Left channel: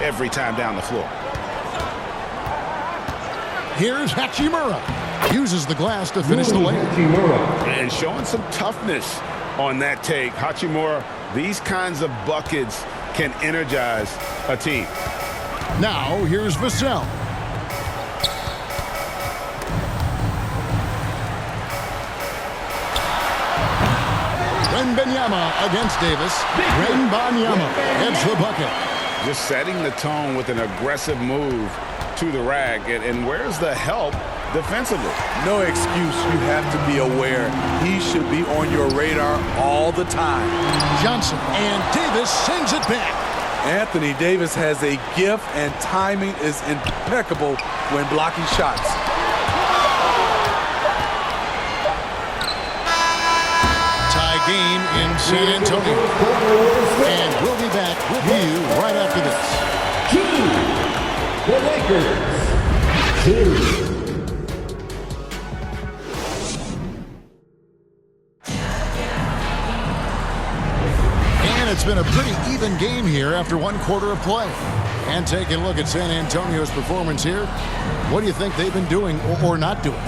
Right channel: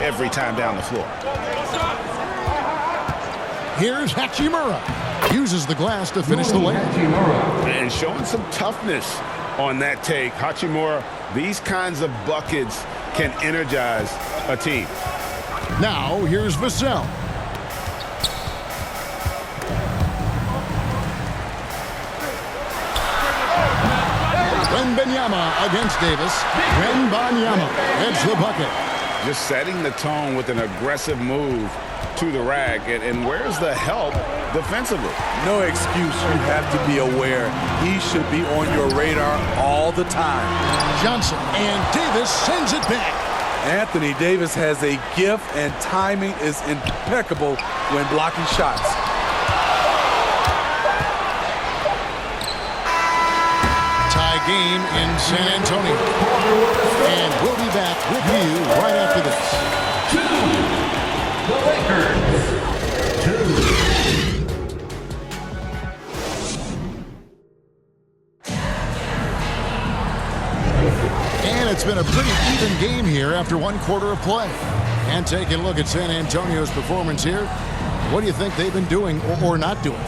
every time down the floor. Here's Hachimura. Uses the glass to finish the layup. And showing some toughness on that take. Hachimura, these kinds of buckets can energize a team. Now, here's Vassell. Wembanyama against Davis. Wembanyama gets the bucket. Just setting the tone with an aggressive move to the rack. And where's the help defensively? No excuse. You have to be aware. He should be on your radar all the time. Johnson, and Davis sends it back. Anthony Davis has a gift, and timing is impeccable when blocking shots. Tie game in San Antonio. And we'll be back with you right after this. The Lakers. 2. And it's been a pretty even game here after one quarter of play. And taking a look at San Antonio's performance here, what do you think they've been doing or not doing?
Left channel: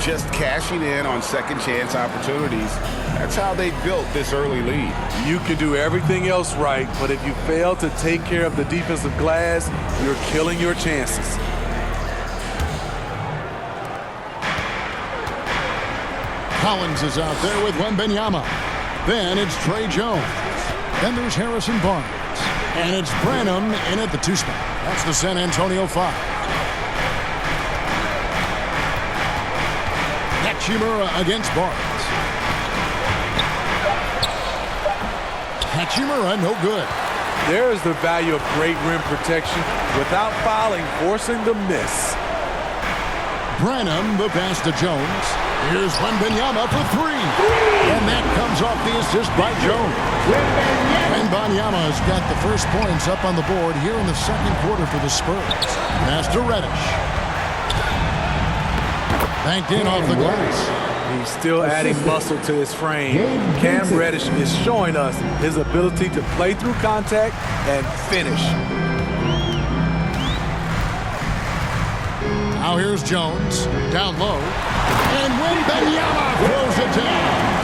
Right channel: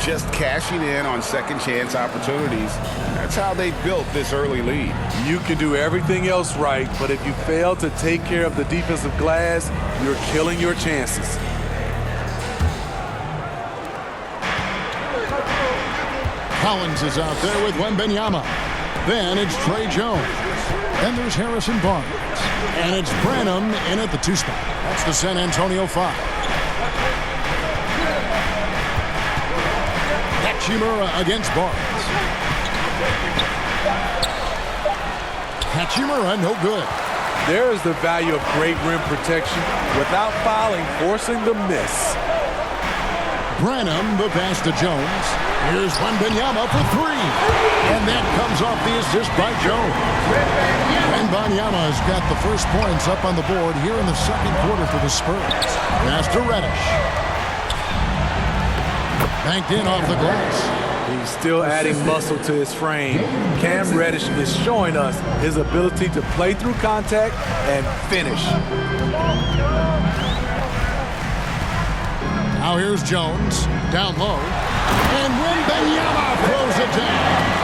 Just cashing in on second chance opportunities. That's how they built this early lead. You can do everything else right, but if you fail to take care of the defensive glass, you're killing your chances. Collins is out there with Wembanyama. Then it's Trey Jones. Then there's Harrison Barnes. And it's Branham in at the 2 spot. That's the San Antonio 5. Hachimura against Barnes. Hachimura, no good. There is the value of great rim protection without fouling, forcing the miss. Branham, the pass to Jones. Here's Wembanyama for 3. And that comes off the assist by Jones. Wembanyama has got the first points up on the board here in the second quarter for the Spurs. Pass to Reddish. Banked in off the glass. He's still adding muscle to his frame. Cam Reddish is showing us his ability to play through contact and finish. Now here's Jones, down low. And Wembanyama throws it down.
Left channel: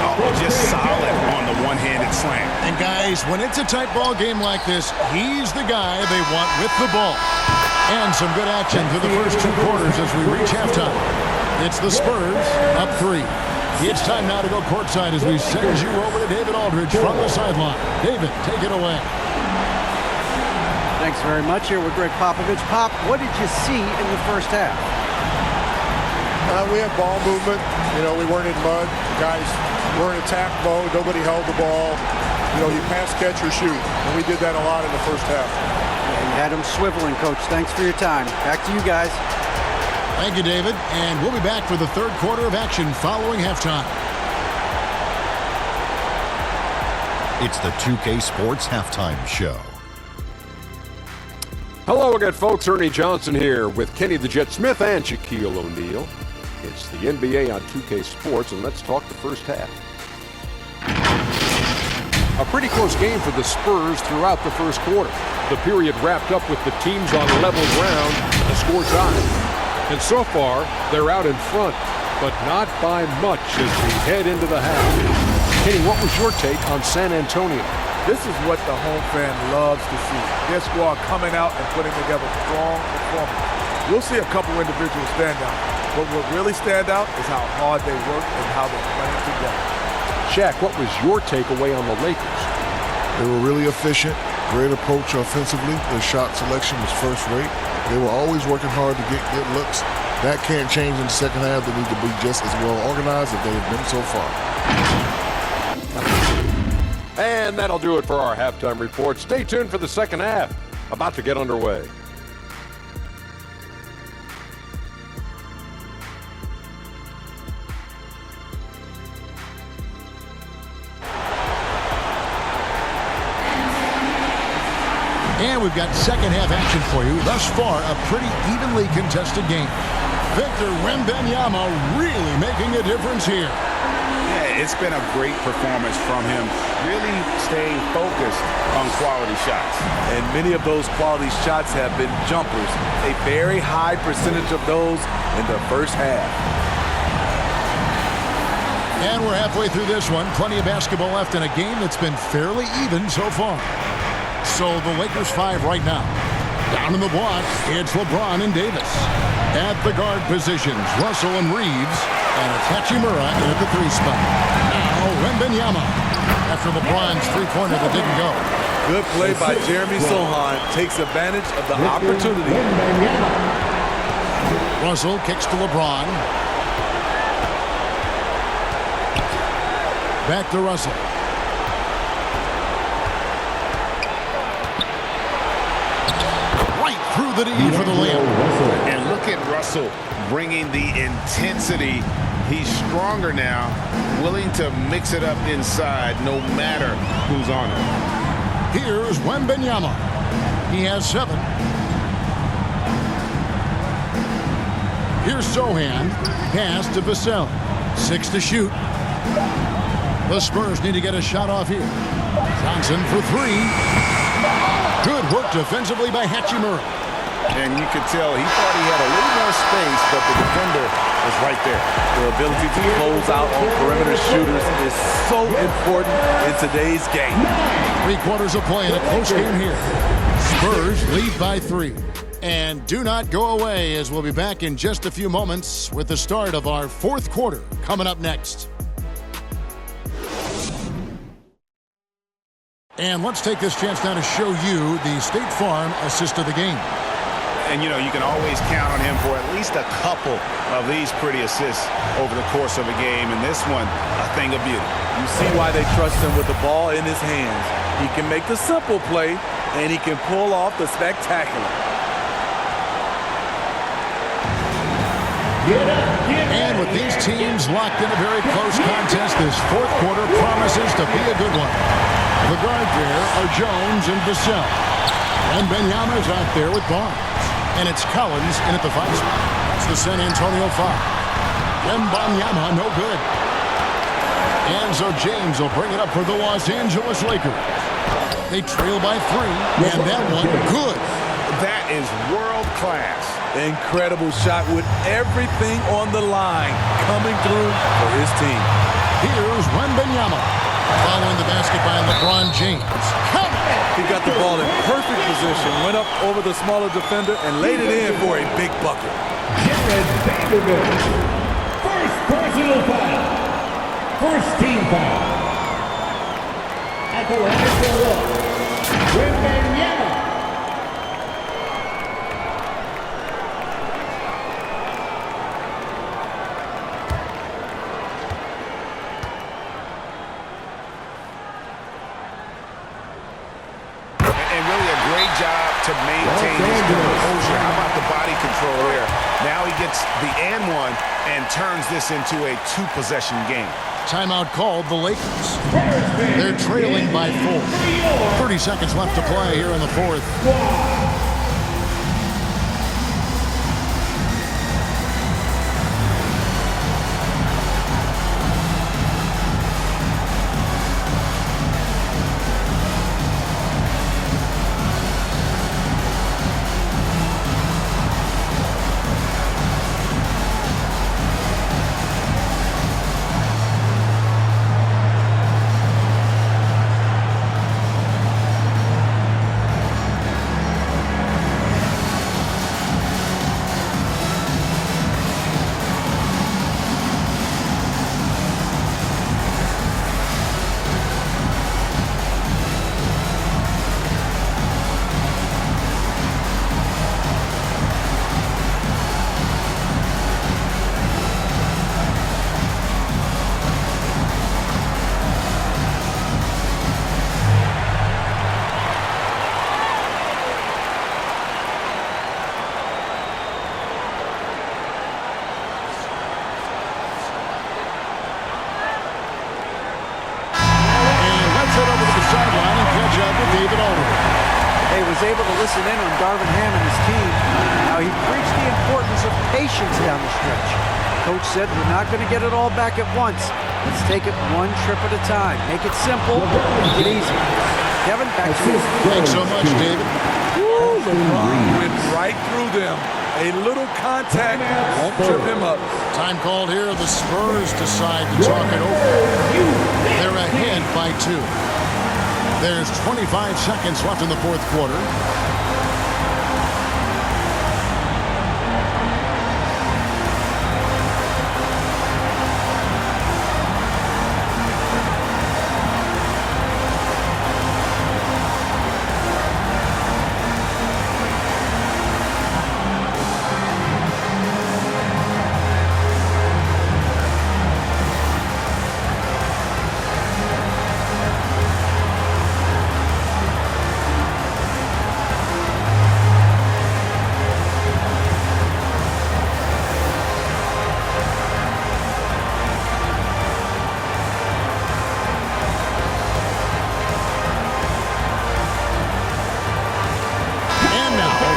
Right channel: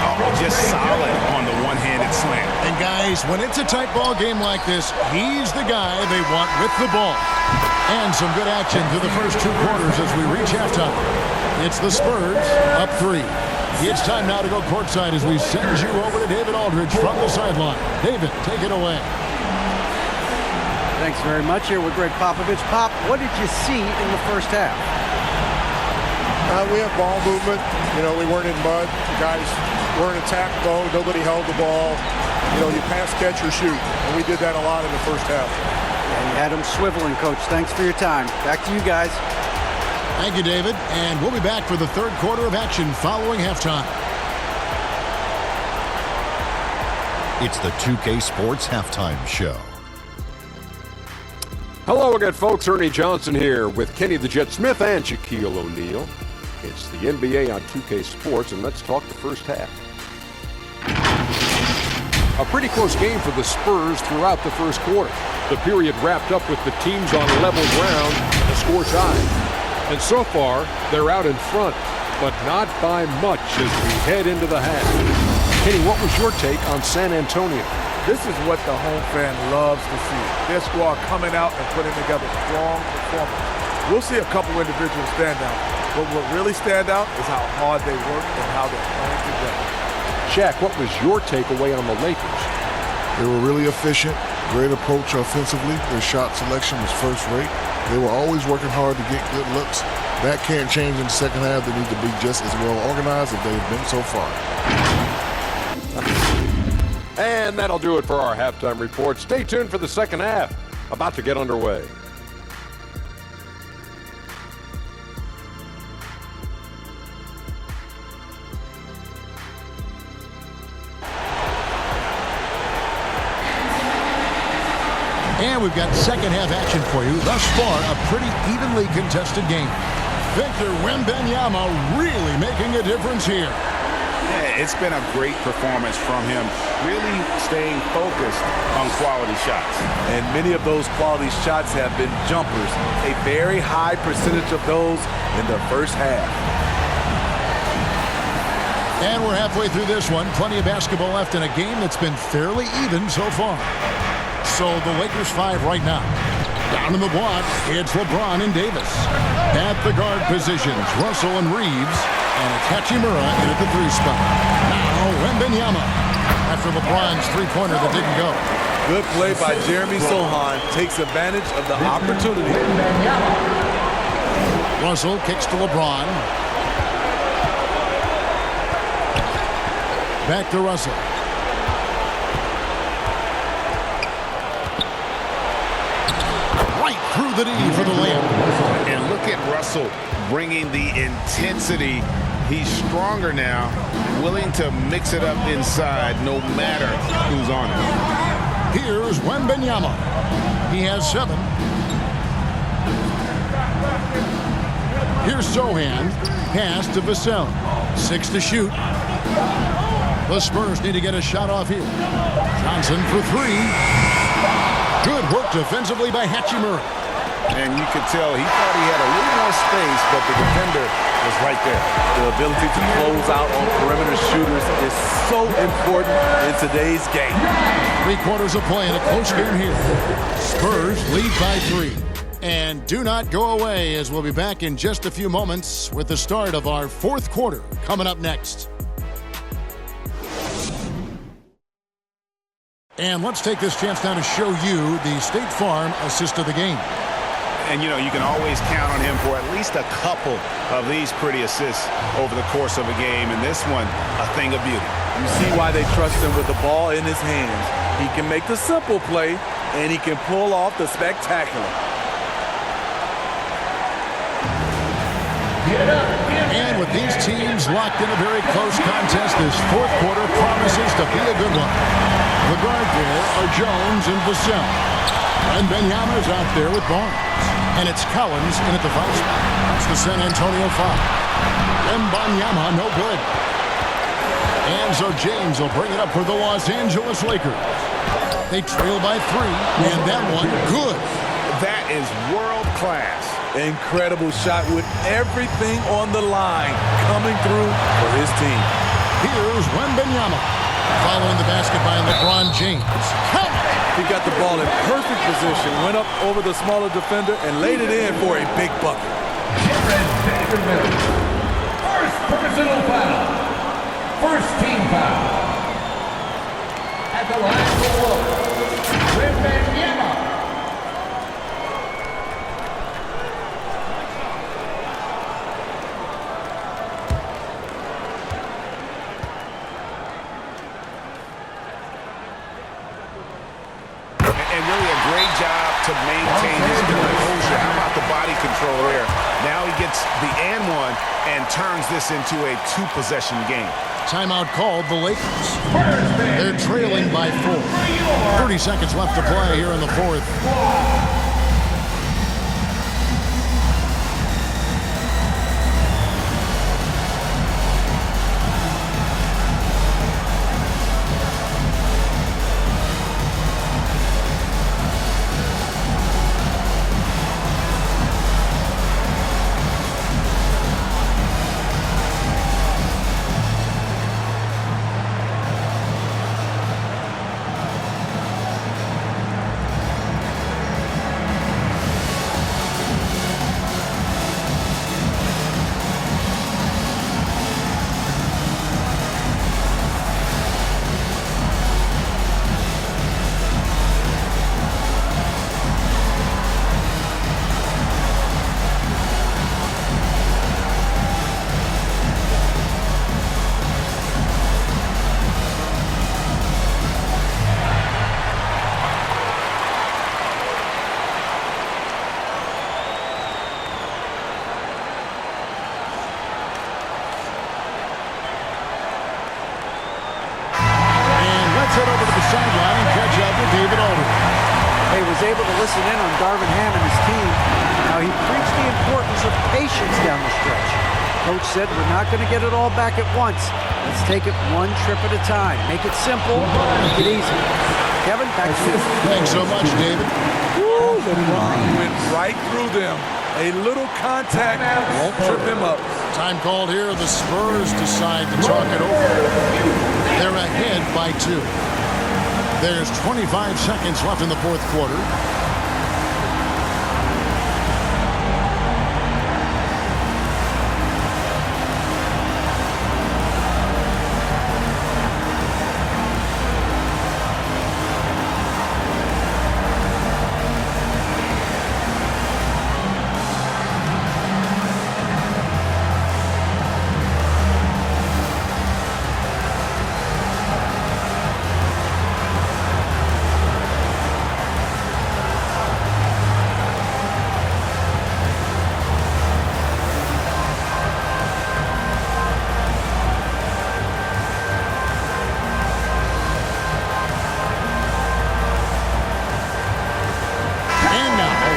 Oh, just solid on the one-handed slam. And guys, when it's a tight ball game like this, he's the guy they want with the ball. And some good action through the first 2 quarters as we reach halftime. It's the Spurs up 3. It's time now to go courtside as we send you over to David Aldridge from the sideline. David, take it away. Thanks very much. Here with Greg Popovich. Pop, what did you see in the first half? We had ball movement. You know, we weren't in mud. The guys were in attack mode. Nobody held the ball. You know, you pass, catch, or shoot. And we did that a lot in the first half. Yeah, you had them swiveling, Coach. Thanks for your time. Back to you guys. Thank you, David. And we'll be back for the third quarter of action following halftime. It's the 2K Sports Halftime Show. Hello again, folks. Ernie Johnson here with Kenny the Jet Smith and Shaquille O'Neal. It's the NBA on 2K Sports, and let's talk the first half. A pretty close game for the Spurs throughout the first quarter. The period wrapped up with the teams on level ground and the score tied. And so far, they're out in front, but not by much as we head into the half. Kenny, what was your take on San Antonio? This is what the home fan loves to see. Their squad coming out and putting together strong performance. We'll see a couple individuals stand out, but what really stand out is how hard they work and how they're playing together. Shaq, what was your takeaway on the Lakers? They were really efficient, great approach offensively. Their shot selection was first rate. They were always working hard to get good looks. That can't change in the second half. They need to be just as well organized as they have been so far. And that'll do it for our halftime report. Stay tuned for the second half, about to get underway. And we've got second half action for you. Thus far, a pretty evenly contested game. Victor Wembanyama really making a difference here. Yeah, it's been a great performance from him, really staying focused on quality shots. And many of those quality shots have been jumpers, a very high percentage of those in the first half. And we're halfway through this one. Plenty of basketball left in a game that's been fairly even so far. So the Lakers 5 right now. Down in the block, it's LeBron and Davis. At the guard positions, Russell and Reeves. And it's Hachimura in at the 3 spot. Now, Wembanyama. After LeBron's three-pointer that didn't go. Good play by Jeremy Sohan. Takes advantage of the opportunity. Russell kicks to LeBron. Back to Russell. Right through the D for the layup. And look at Russell bringing the intensity. He's stronger now, willing to mix it up inside no matter who's on him. Here's Wembanyama. He has 7. Here's Sohan. Pass to Vassell. 6 to shoot. The Spurs need to get a shot off here. Johnson for 3. Good work defensively by Hachimura. And you could tell he thought he had a little more space, but the defender was right there. The ability to close out on perimeter shooters is so important in today's game. 3 quarters of play in a close game here. Spurs lead by 3. And do not go away, as we'll be back in just a few moments with the start of our 4th quarter coming up next. And let's take this chance now to show you the State Farm assist of the game. And, you know, you can always count on him for at least a couple of these pretty assists over the course of a game. And this one, a thing of beauty. You see why they trust him with the ball in his hands. He can make the simple play, and he can pull off the spectacular. And with these teams locked in a very close contest, this 4th quarter promises to be a good one. The guard there are Jones and Vassell. Wembanyama's out there with Barnes. And it's Collins in at the 5 spot. That's the San Antonio 5. Wembanyama, no good. And so James will bring it up for the Los Angeles Lakers. They trail by 3, and that one, good. That is world class. Incredible shot with everything on the line coming through for his team. Here's Wembanyama. Following the basket by LeBron James. Count it! He got the ball in perfect position, went up over the smaller defender, and laid it in for a big bucket. Jared Vanderbilt. First personal foul. First team foul. At the line for one. Wembanyama. And really a great job to maintain his composure. How about the body control there? Now he gets the and one and turns this into a 2-possession game. Timeout called the Lakers. They're trailing by 4. 30 seconds left to play here in the 4th. Head over to the sideline and catch up with David Aldridge. He was able to listen in on Darvin Ham and his team. Now he preached the importance of patience down the stretch. Coach said we're not going to get it all back at once. Let's take it one trip at a time. Make it simple, make it easy. Kevin, back to you. Thanks so much, David. Woo, LeBron went right through them. A little contact won't trip him up. Time called here. The Spurs decide to talk it over. They're ahead by 2. There's 25 seconds left in the fourth quarter.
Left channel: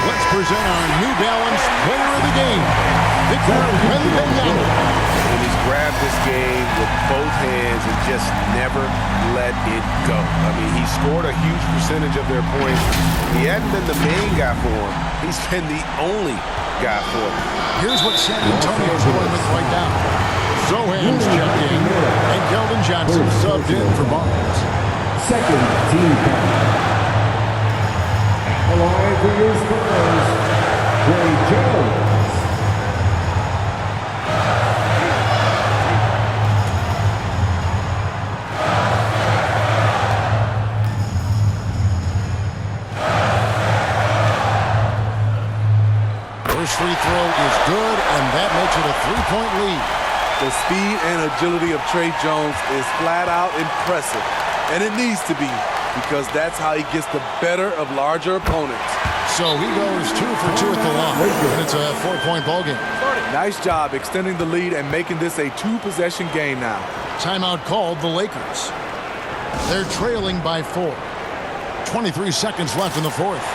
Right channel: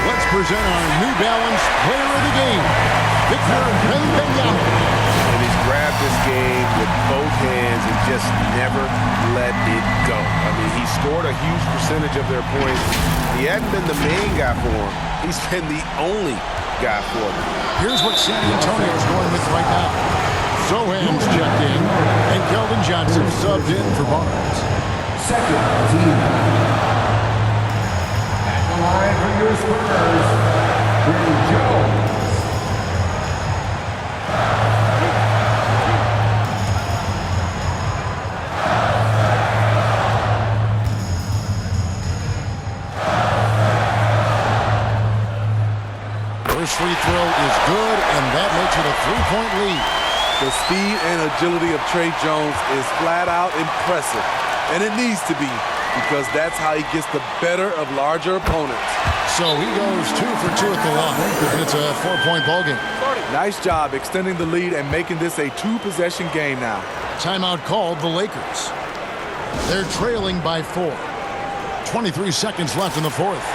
Let's present our New Balance Player of the Game, Victor Wembanyama. And he's grabbed this game with both hands and just never let it go. I mean, he scored a huge percentage of their points. He hadn't been the main guy for him. He's been the only guy for him. Here's what San Antonio's going with right now. Zohan's checked in, and Keldon Johnson subbed in for Barnes. Second team foul. The line for your Spurs, Trey Jones. First free throw is good, and that makes it a 3-point lead. The speed and agility of Trey Jones is flat out impressive, and it needs to be, because that's how he gets the better of larger opponents. So he goes 2 for 2 at the line, and it's a 4-point ball game. Nice job extending the lead and making this a 2-possession game now. Timeout called the Lakers. They're trailing by 4. 23 seconds left in the fourth.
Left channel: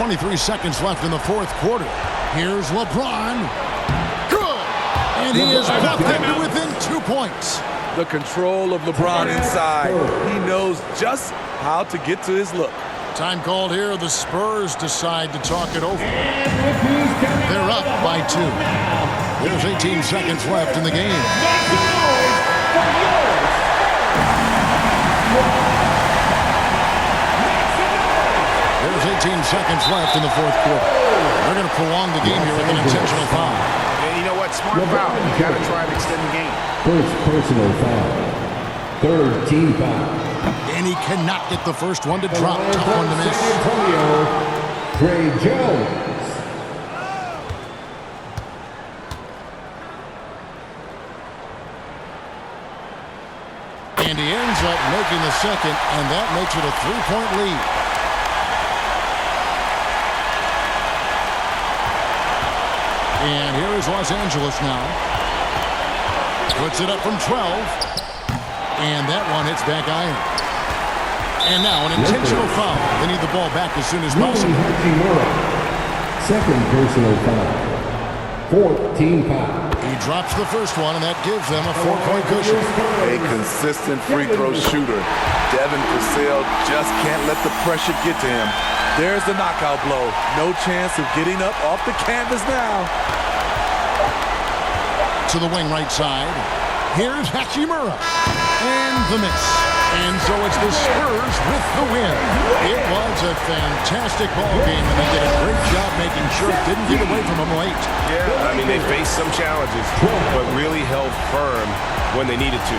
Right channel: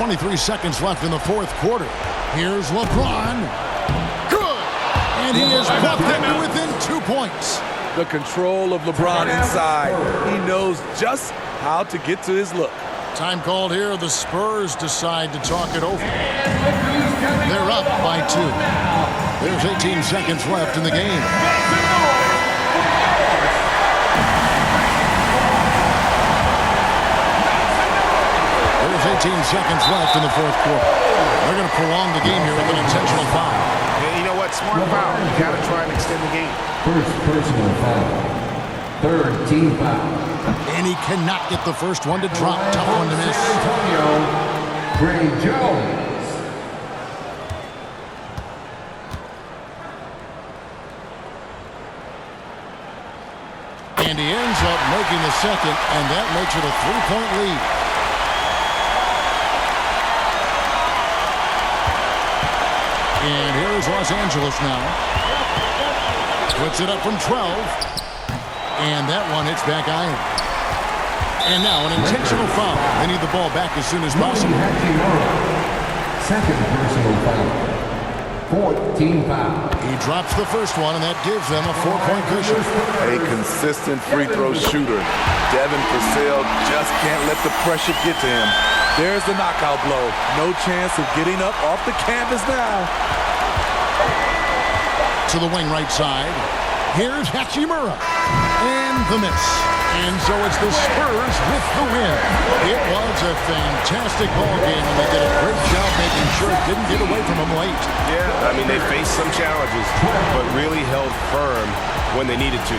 .23 seconds left in the fourth quarter. Here's LeBron. Good! And he has brought them to within 2 points. The control of LeBron inside. He knows just how to get to his look. Time called here. The Spurs decide to talk it over. They're up by 2. There's 18 seconds left in the game. There's 18 seconds left in the fourth quarter. They're going to prolong the game here with an intentional foul. And you know what? Smart foul. You got to try and extend the game. First personal foul. Third team foul. And he cannot get the first one to drop. Tough one to miss. San Antonio, Trey Jones. And he ends up making the second, and that makes it a 3-point lead. And here is Los Angeles now. Puts it up from 12. And that one hits back iron. And now an intentional foul. They need the ball back as soon as possible. Second personal foul. Fourth team foul. He drops the first one, and that gives them a 4-point cushion. A consistent free throw shooter. Devin Vassell just can't let the pressure get to him. There's the knockout blow. No chance of getting up off the canvas now. To the wing right side. Here's Hachimura. And the miss. And so it's the Spurs with the win. It was a fantastic ball game, and they did a great job making sure it didn't get away from them late. Yeah, I mean, they faced some challenges, but really held firm when they needed to.